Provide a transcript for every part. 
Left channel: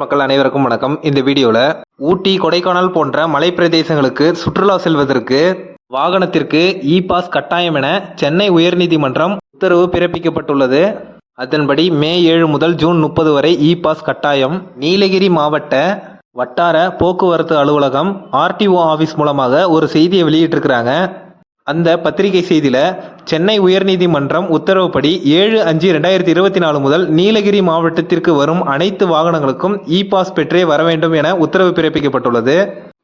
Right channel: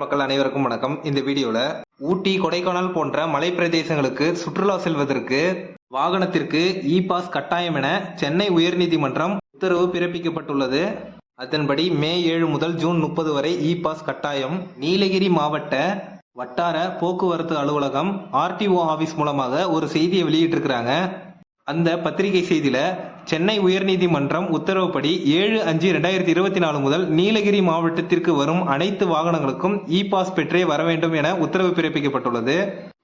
மக்கள் அனைவருக்கும் வணக்கம். இந்த வீடியோவில் ஊட்டி கொடைக்கானல் போன்ற மலை பிரதேசங்களுக்கு சுற்றுலா செல்வதற்கு வாகனத்திற்கு இ பாஸ் கட்டாயம் என சென்னை உயர்நீதிமன்றம் உத்தரவு பிறப்பிக்கப்பட்டுள்ளது. அதன்படி மே ஏழு முதல் ஜூன் முப்பது வரை இ பாஸ் கட்டாயம். நீலகிரி மாவட்ட வட்டார போக்குவரத்து அலுவலகம் ஆர்டிஓ ஆஃபீஸ் மூலமாக ஒரு செய்தியை வெளியிட்டிருக்கிறாங்க. அந்த பத்திரிகை செய்தியில சென்னை உயர்நீதிமன்றம் உத்தரவுப்படி ஏழு அஞ்சு ரெண்டாயிரத்தி இருபத்தி நாலு முதல் நீலகிரி மாவட்டத்திற்கு வரும் அனைத்து வாகனங்களுக்கும் இ பாஸ் பெற்றே வர வேண்டும் என உத்தரவு பிறப்பிக்கப்பட்டுள்ளது.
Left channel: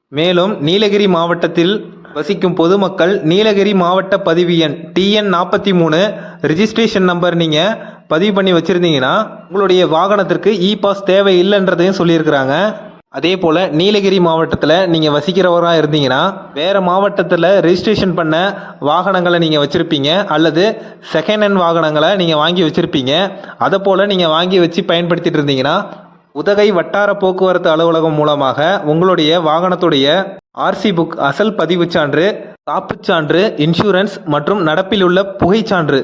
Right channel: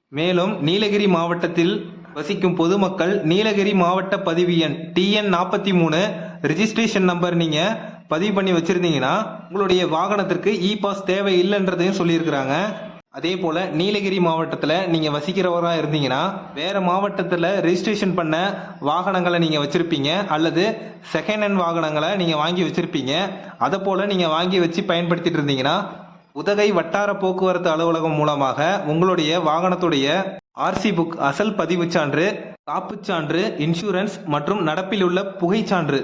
மேலும் நீலகிரி மாவட்டத்தில் வசிக்கும் பொதுமக்கள் நீலகிரி மாவட்ட பதிவு எண் டிஎன் நாற்பத்தி மூணு ரிஜிஸ்ட்ரேஷன் நம்பர் நீங்க பதிவு பண்ணி வச்சிருந்தீங்கன்னா உங்களுடைய வாகனத்திற்கு இ பாஸ் தேவை இல்லைன்றதையும் சொல்லியிருக்கிறாங்க. அதே போல் நீலகிரி மாவட்டத்தில் நீங்கள் வசிக்கிறவராக இருந்தீங்கன்னா வேறு மாவட்டத்தில் ரெஜிஸ்ட்ரேஷன் பண்ண வாகனங்களை நீங்கள் வச்சுருப்பீங்க அல்லது செகண்ட் ஹேண்ட் வாகனங்களை நீங்கள் வாங்கி வச்சுருப்பீங்க. அதை போல் நீங்கள் வாங்கி வச்சு பயன்படுத்திட்டு இருந்தீங்கன்னா உதகை வட்டார போக்குவரத்து அலுவலகம் மூலமாக உங்களுடைய வாகனத்துடைய ஆர்சி புக் அசல் பதிவுச் சான்று காப்புச் சான்று இன்சூரன்ஸ் மற்றும் நடப்பில் உள்ள புகைச்சான்று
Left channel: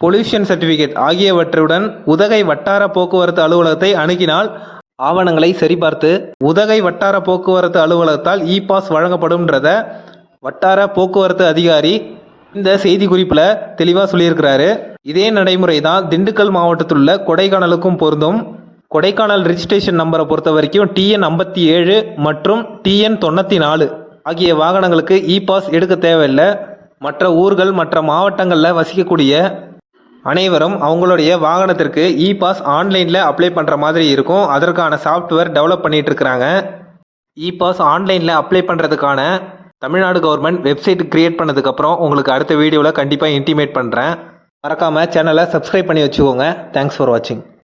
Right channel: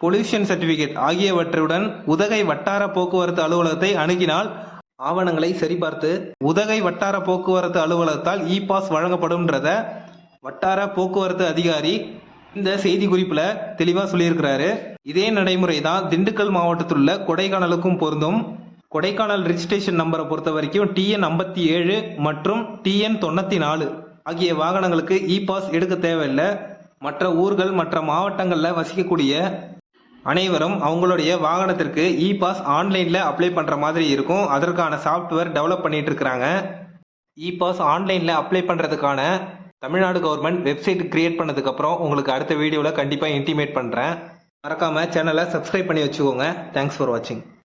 பொல்யூஷன் சர்டிஃபிகேட் ஆகியவற்றுடன் உதகை வட்டார போக்குவரத்து அலுவலகத்தை அணுகினால் ஆவணங்களை சரிபார்த்து உதகை வட்டார போக்குவரத்து அலுவலகத்தால் இ பாஸ் வழங்கப்படும்ன்றத வட்டார போக்குவரத்து அதிகாரி இந்த செய்தி குறிப்பில் தெளிவாக சொல்லியிருக்கிறாரு. இதே நடைமுறை தான் திண்டுக்கல் மாவட்டத்தில் உள்ள கொடைக்கானலுக்கும் பொருந்தும். கொடைக்கானல் ரிஜிஸ்ட்ரேஷன் நம்பரை பொறுத்த வரைக்கும் டிஎன் ஐம்பத்தி ஏழு மற்றும் டிஎன் தொண்ணூற்றி நாலு ஆகிய வாகனங்களுக்கு இ பாஸ் எடுக்க தேவையில்லை. மற்ற ஊர்கள் மற்ற மாவட்டங்களில் வசிக்கக்கூடிய அனைவரும் அவங்களுடைய வாகனத்திற்கு இ பாஸ் ஆன்லைனில் அப்ளை பண்ணுற மாதிரி இருக்கும். அதற்கான சாஃப்ட்வேர் டெவலப் பண்ணிட்டு இருக்கிறாங்க. இ பாஸ் ஆன்லைனில் அப்ளை பண்ணுறதுக்கான தமிழ்நாடு கவர்மெண்ட் வெப்சைட் கிரியேட் பண்ணதுக்கப்புறம் உங்களுக்கு அடுத்த வீடியோவில் கண்டிப்பாக இன்டிமேட் பண்ணுறேன் மறக்காமல் சேனலை சப்ஸ்கிரைப் பண்ணி வச்சுக்கோங்க. தேங்க்ஸ் ஃபார் வாட்சிங்